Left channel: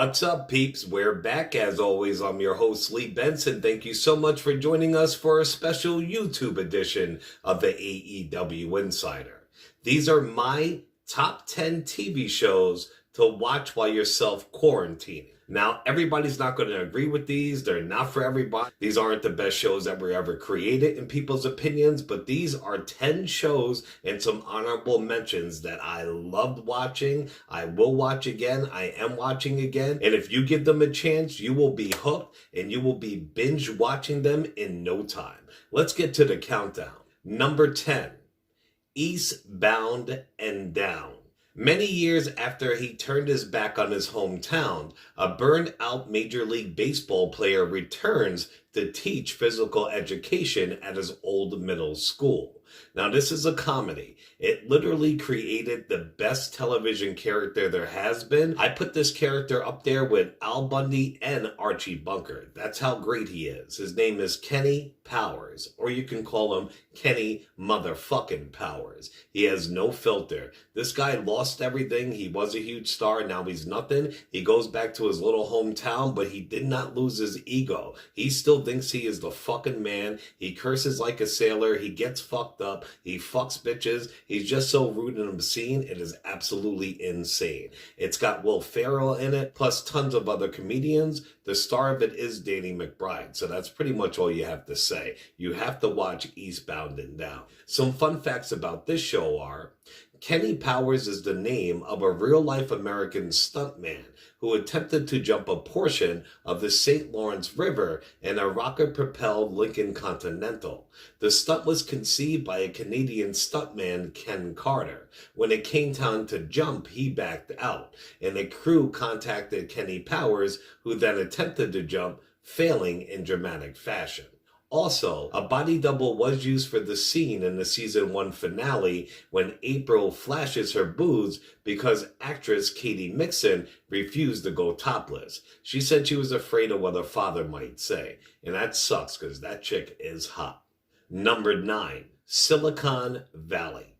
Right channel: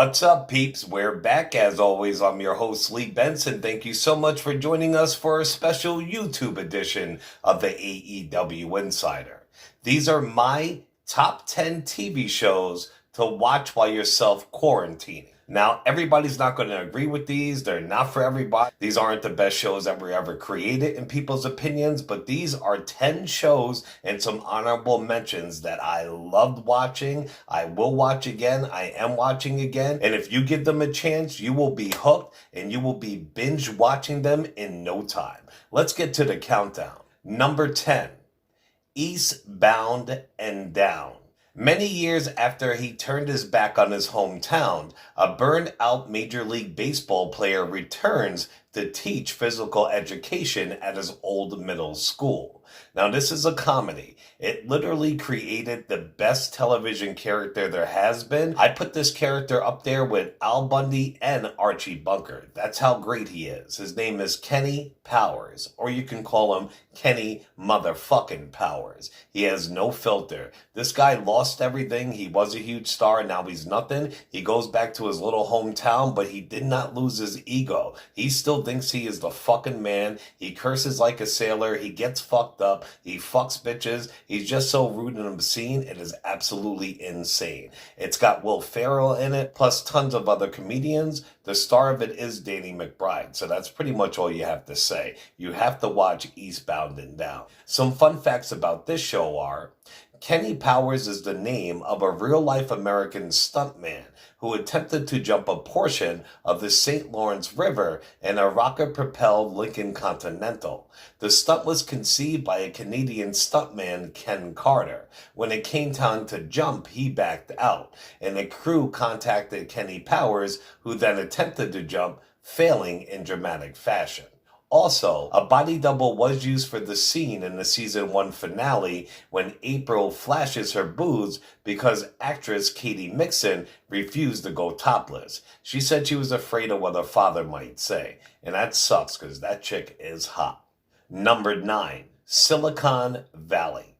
What's up, peeps? We're back. As always, I'm your host, Lee Benson. Thank you so much for joining us for a special YouTube edition of the AEW Insider. These are my top 10 TV shows to watch while you're self-quarantining. Now, everybody's not going to agree with these. They're not for everybody. These aren't the best shows that were ever created in people's opinions, but these are 10 shows and some honorable mentions that I loved watching. I will watch again. I am watching again. And if you give them a chance, you will be hooked and you will be binge watching them in no time. Let's get to the countdown. Number 10, Eastbound and Down. Many years after he turned his back on his hometown, a burned-out Major League Baseball player returns to teach physical education at his old middle school. Now, this is a comedy. It literally created the best television character there has been. I put this character up there with Al Bundy and Archie Bunker. That's how great he is. His name is Kenny Powers, or you can call him Kenny motherfucking Powers. He has no filter. This guy lost everything. He was a huge star. Now he's nothing. He goes back to his little hometown, but he did not lose his ego. He still thinks he is the fucking man. He curses like a sailor. He gets fucked up. He fucks bitches. He's just so rude and obscene. It is absolutely insane. It's got Will Ferrell in it, plus tons of other comedians. The star of it is Danny McBride. So that's pretty much all you have to say. You have to watch Eastbound and Down. Some fun facts about this show are, Kenny Powers is the name of a real-life American stuntman who attempted to jump a portion of the St. Lawrence River in a rocket-propelled Lincoln Continental. The stunt was conceived by a Canadian stuntman, Ken Carter. When it came time to jump, he backed out, and the crew contacted Kenny Powers, who then attempted to jump, failing in dramatic fashion. Also, a body double was used for the scene in the season 1 finale when April flashes her boobs because actress Katie Mixon refused to go topless. She said she was afraid of what her father might say, and that sucks because that chick is hot. Number 9, Silicon Valley.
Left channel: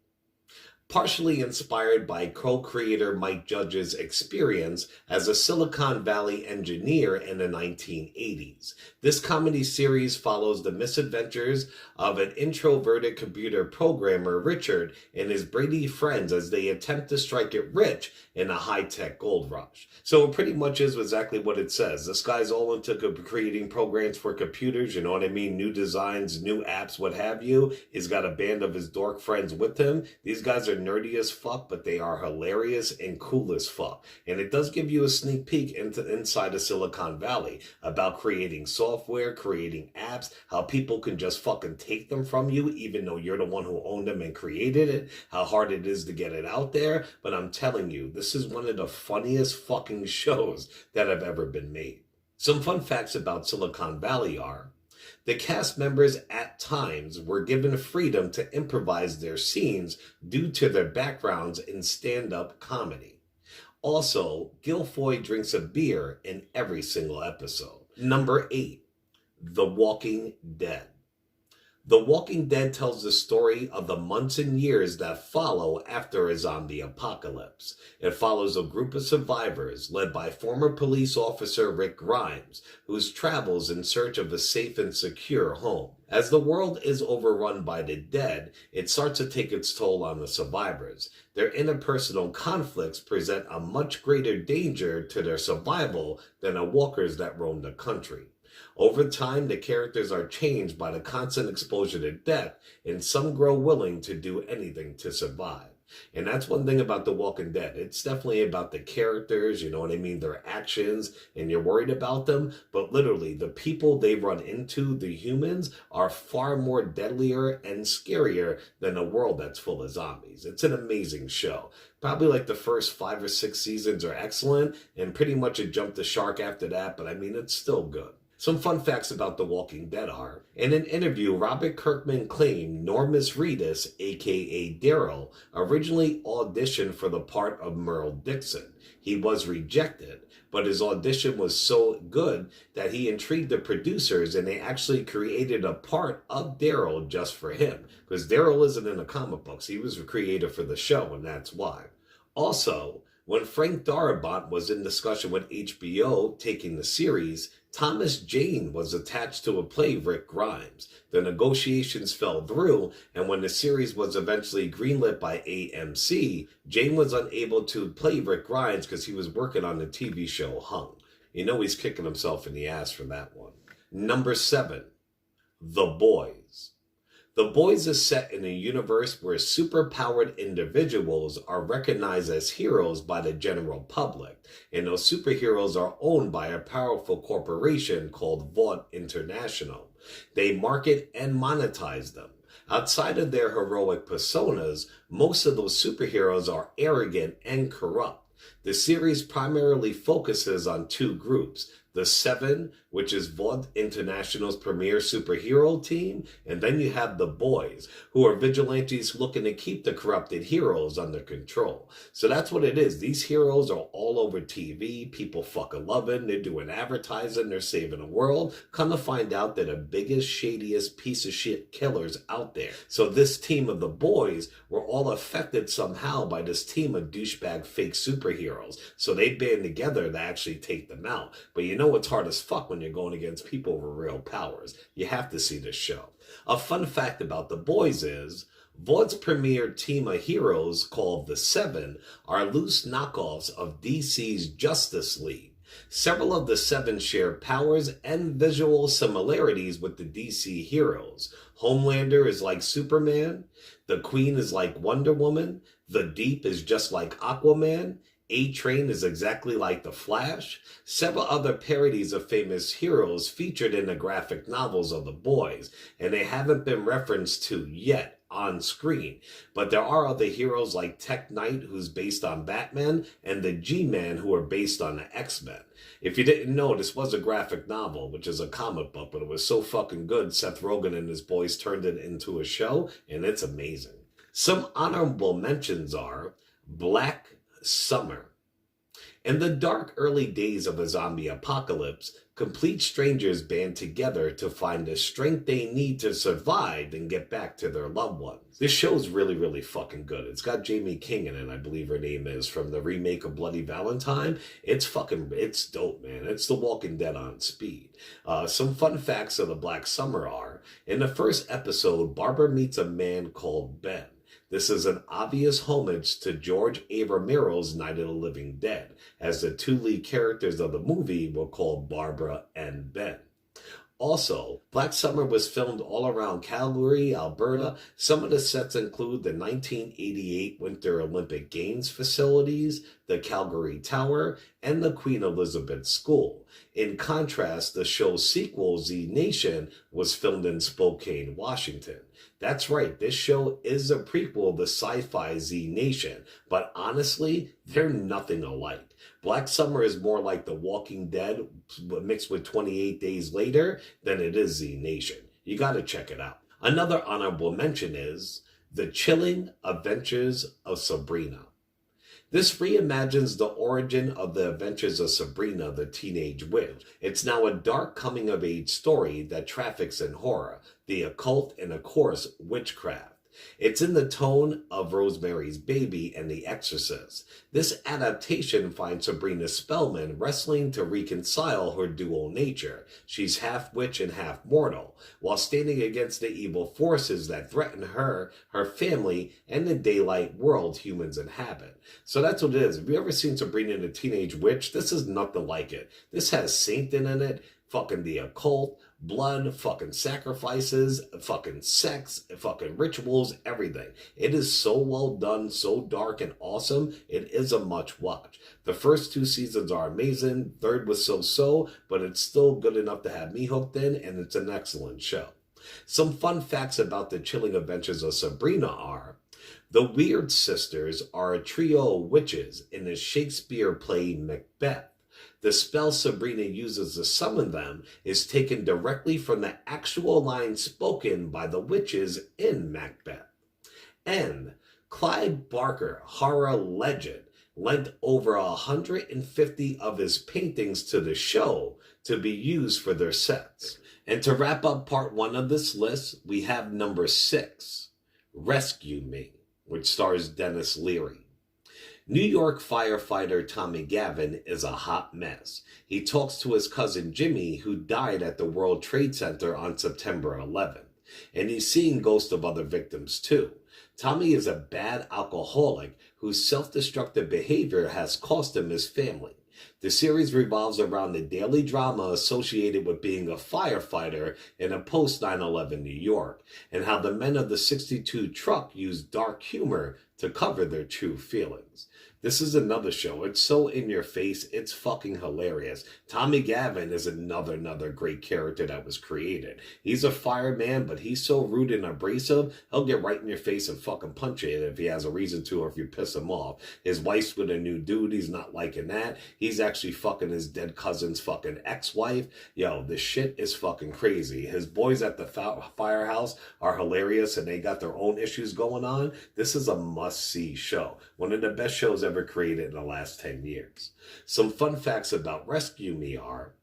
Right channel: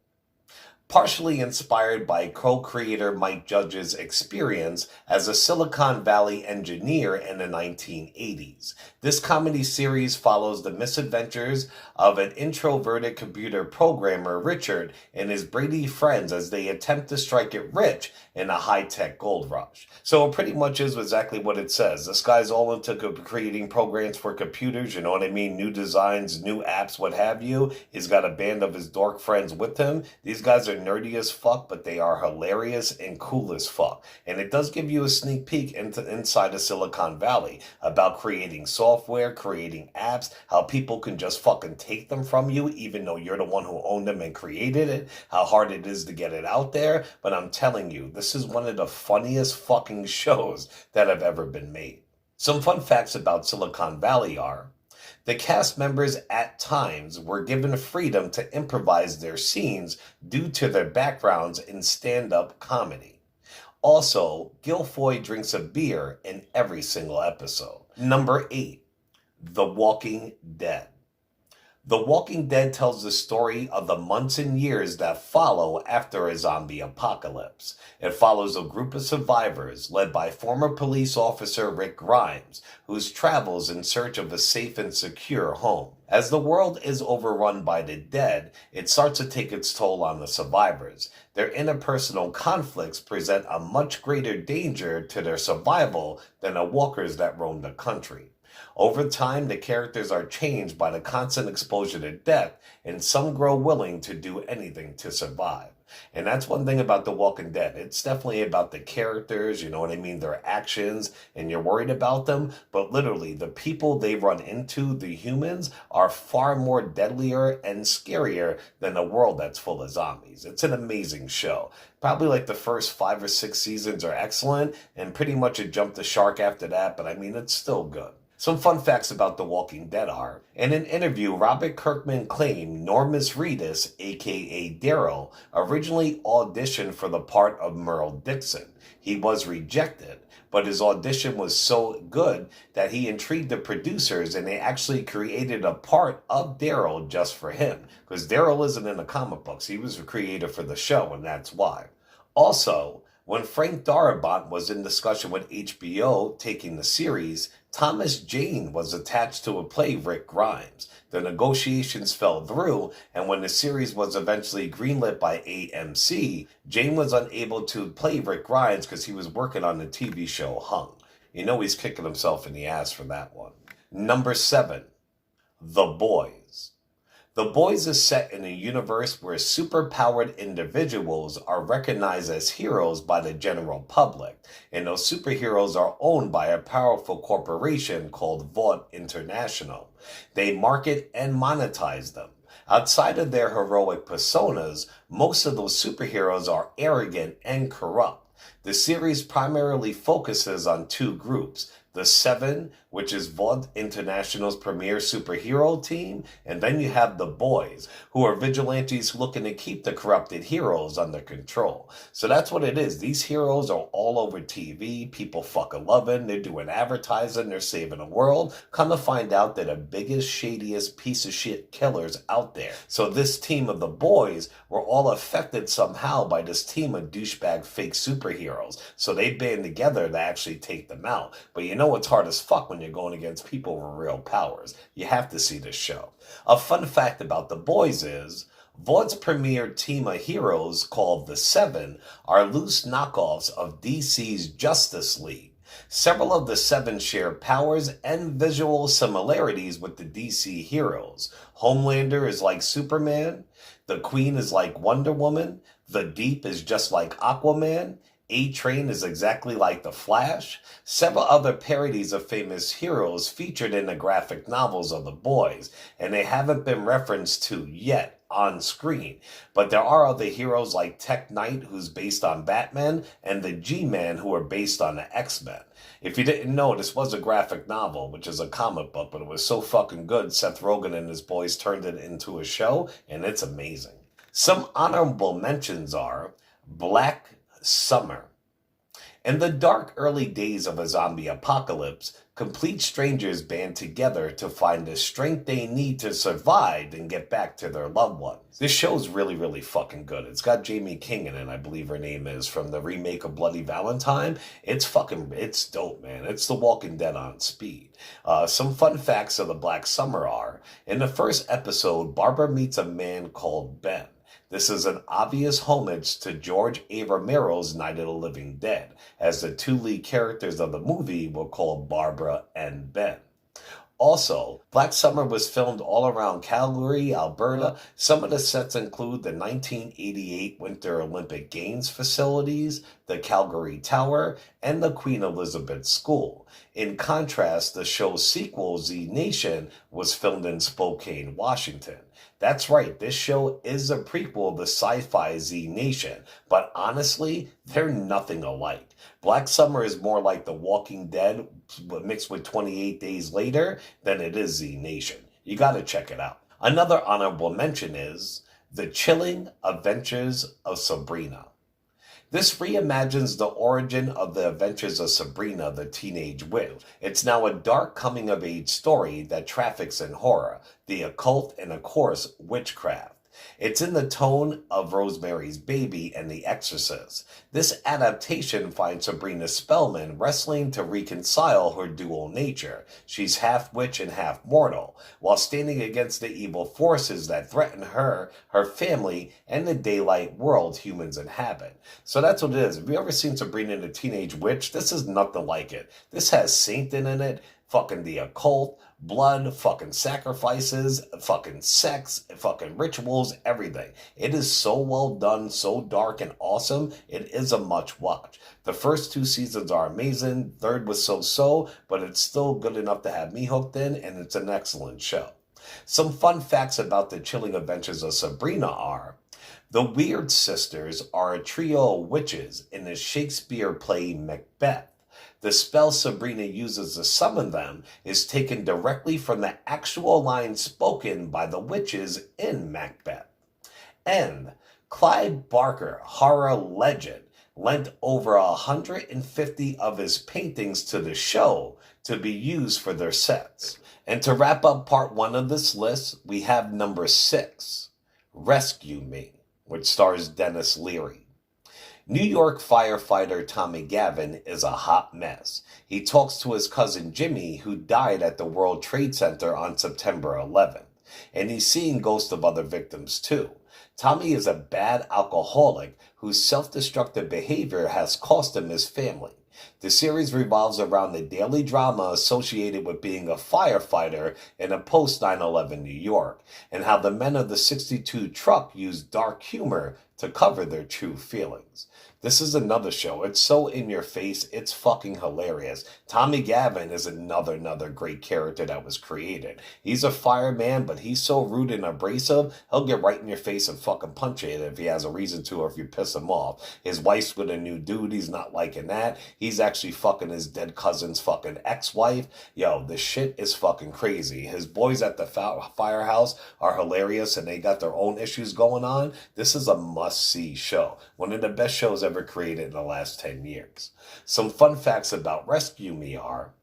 Partially inspired by co-creator Mike Judge's experience as a Silicon Valley engineer in the 1980s. This comedy series follows the misadventures of an introverted computer programmer, Richard, and his Brady friends as they attempt to strike it rich in a high-tech gold rush. So it pretty much is exactly what it says. This guy's all into creating programs for computers, you know what I mean? New designs, new apps, what have you. He's got a band of his dork friends with him. These guys are nerdy as fuck, but they are hilarious and cool as fuck. And it does give you a sneak peek inside of Silicon Valley about creating software, creating apps, how people can just fucking take them from you, even though you're the one who owned them and created it, how hard it is to get it out there. But I'm telling you, this is one of the funniest fucking shows that have ever been made. Some fun facts about Silicon Valley are, the cast members at times were given freedom to improvise their scenes due to their backgrounds in stand-up comedy. Also, Guilfoyle drinks a beer in every single episode. Number 8, The Walking Dead. The Walking Dead tells the story of the months and years that follow after a zombie apocalypse. It follows a group of survivors led by former police officer Rick Grimes, whose travels in search of a safe and secure home. As the world is overrun by the dead, it starts to take its toll on the survivors. Their interpersonal conflicts present a much greater danger to their survival than the walkers that roam the country. Over time, the characters are changed by the constant exposure to death, and some grow willing to do anything to survive. And that's one thing about The Walking Dead. It's definitely about the characters, you know what I mean, their actions, and you're worried about them. But literally, the people they run into, the humans, are far more deadlier and scarier than a world that's full of zombies. It's an amazing show. Probably like the first 5 or 6 seasons are excellent, and pretty much it jumped the shark after that, but I mean, it's still good. Some fun facts about The Walking Dead are, in an interview, Robert Kirkman claimed Normus Reedus, aka Daryl, originally auditioned for the part of Merle Dixon. He was rejected, but his audition was so good that he intrigued the producers and they actually created a part of Daryl just for him. Because Daryl isn't in the comic books. He was a creator for the show, and that's why. Also, When Frank Darabont was in discussion with HBO taking the series, Thomas Jane was attached to play Rick Grimes. The negotiations fell through, and when the series was eventually greenlit by AMC, Jane was unable to play Rick Grimes because he was working on the TV show Hung. You know he's kicking himself in the ass for that one. Number 7. The Boys. The Boys is set in a universe where superpowered individuals are recognized as heroes by the general public, and those superheroes are owned by a powerful corporation called Vought International. They market and monetize them. Outside of their heroic personas, most of those superheroes are arrogant and corrupt. The series primarily focuses on two groups: the Seven, which is Vought International's premier superhero team, and then you have the Boys, who are vigilantes looking to keep the corrupted heroes under control. So that's what it is. These heroes are all over TV. People fucking loving. They're doing advertising. They're saving the world. Come to find out they're the biggest, shadiest piece of shit killers out there. So this team of the Boys were all affected somehow by this team of douchebag fake superheroes. So they band together to actually take them out. But you know it's hard as fuck when you're going against people with real powers. You have to see this show. A fun fact about the Boys is Vaught's premier team of heroes, called the Seven, are loose knockoffs of DC's Justice League. Several of the Seven share powers and visual similarities with the DC heroes. Homelander is like Superman, the Queen is like Wonder Woman, the Deep is just like Aquaman, A-Train is exactly like The Flash. Several other parodies of famous heroes featured in the graphic novels of the Boys, and they haven't been referenced to yet on screen. But there are other heroes like Tech Knight, who's based on Batman, and the G-Man, who are based on the X-Men. If you didn't know, this was a graphic novel, which is a comic book, but it was so fucking good, Seth Rogen and his boys turned it into a show, and it's amazing. Some honorable mentions are Black Summer. In the dark early days of a zombie apocalypse, complete strangers band together to find the strength they need to survive and get back to their loved ones. This show's really, really fucking good. It's got Jamie King in it, I believe her name is, from the remake of Bloody Valentine. It's dope, man. It's The Walking Dead on speed. Some fun facts of the Black Summer are, in the first episode, Barbara meets a man called Ben. This is an obvious homage to George A. Romero's Night of the Living Dead, as the two lead characters of the movie were called Barbara and Ben. Also, Black Summer was filmed all around Calgary, Alberta. Some of the sets include the 1988 Winter Olympic Games facilities, the Calgary Tower, and the Queen Elizabeth School. In contrast, the show's sequel, Z Nation, was filmed in Spokane, Washington. That's right, this show is a prequel to sci-fi Z Nation, but honestly, they're nothing alike. Black Summer is more like The Walking Dead mixed with 28 Days Later than it is Z Nation. You gotta check it out. Another honorable mention is The Chilling Adventures of Sabrina. This reimagines the origin of the adventures of Sabrina the Teenage Witch. It's now a dark coming-of-age story that traffics in horror, the occult, and of course, witchcraft. It's in the tone of Rosemary's Baby and The Exorcist. This adaptation finds Sabrina Spellman wrestling to reconcile her dual nature. She's half witch and half mortal, while standing against the evil forces that threaten her, her family, and the daylight world humans inhabit. So that's what it is. Have you ever seen Sabrina the Teenage Witch? This is nothing like it. This has Satan in it, fucking the occult, blood, fucking sacrifices, fucking sex, fucking rituals, everything. It is so well done, so dark and awesome. It is a much watch. The first 2 seasons are amazing. Third was so-so, but it's still good enough to have me hooked in, and it's an excellent show. Some fun facts about The Chilling Adventures of Sabrina are: the Weird Sisters are a trio of witches in the Shakespeare play Macbeth. The spell Sabrina uses to summon them is taken directly from the actual lines spoken by the witches in Macbeth. And Clive Barker, horror legend, lent over 150 of his paintings to the show to be used for their sets. And to wrap up part 1 of this list, we have number 6, Rescue Me, which stars Dennis Leary. New York firefighter Tommy Gavin is a hot mess. He talks to his cousin Jimmy, who died at the World Trade Center on September 11th, and he's seeing ghosts of other victims too. Tommy is a bad alcoholic whose self-destructive behavior has cost him his family. The series revolves around the daily drama associated with being a firefighter in a post 9/11 New York, and how the men of the 62 truck use dark humor to cover their true feelings. This is another show. It's so in your face. It's fucking hilarious. Tommy Gavin is another great character that was created. He's a fireman, but he's so rude and abrasive, he'll get right in your face and fucking punch you if he has a reason to, or if you piss him off. His wife's with a new dude. He's not liking that. He's actually fucking his dead cousin's fucking ex-wife. Yo, this shit is fucking crazy. His boys at the firehouse are hilarious, and they got their own issues going on. This is a must-see show. One of the best shows ever created in the last 10 years. Some fun facts about Rescue Me are:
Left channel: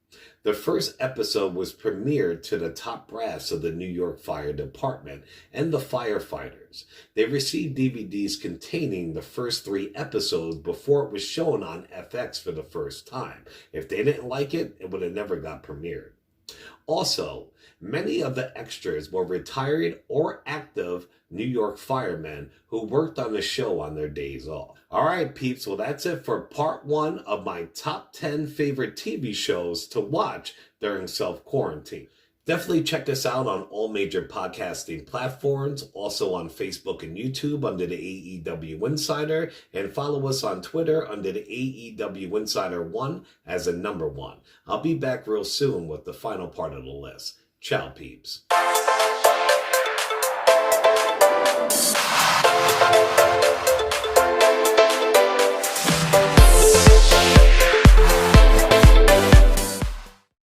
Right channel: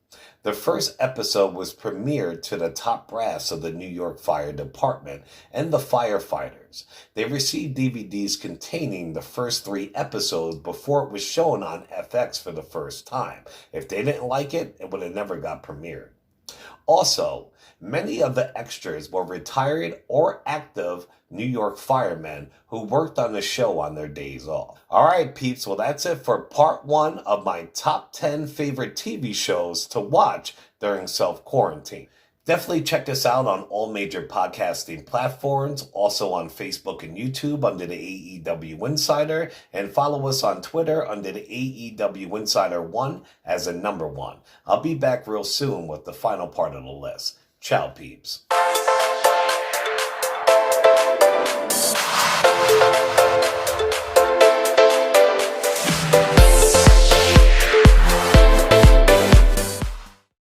the first episode was premiered to the top brass of the New York Fire Department and the firefighters. They received DVDs containing the first 3 episodes before it was shown on FX for the first time. If they didn't like it, it would have never got premiered. Also, many of the extras were retired or active New York firemen who worked on the show on their days off. All right, peeps, well, that's it for part 1 of my top 10 favorite TV shows to watch during self-quarantine. Definitely check us out on all major podcasting platforms, also on Facebook and YouTube under the AEW Insider, and follow us on Twitter under the AEW Insider 1 as a number 1. I'll be back real soon with the final part of the list. Ciao, peeps.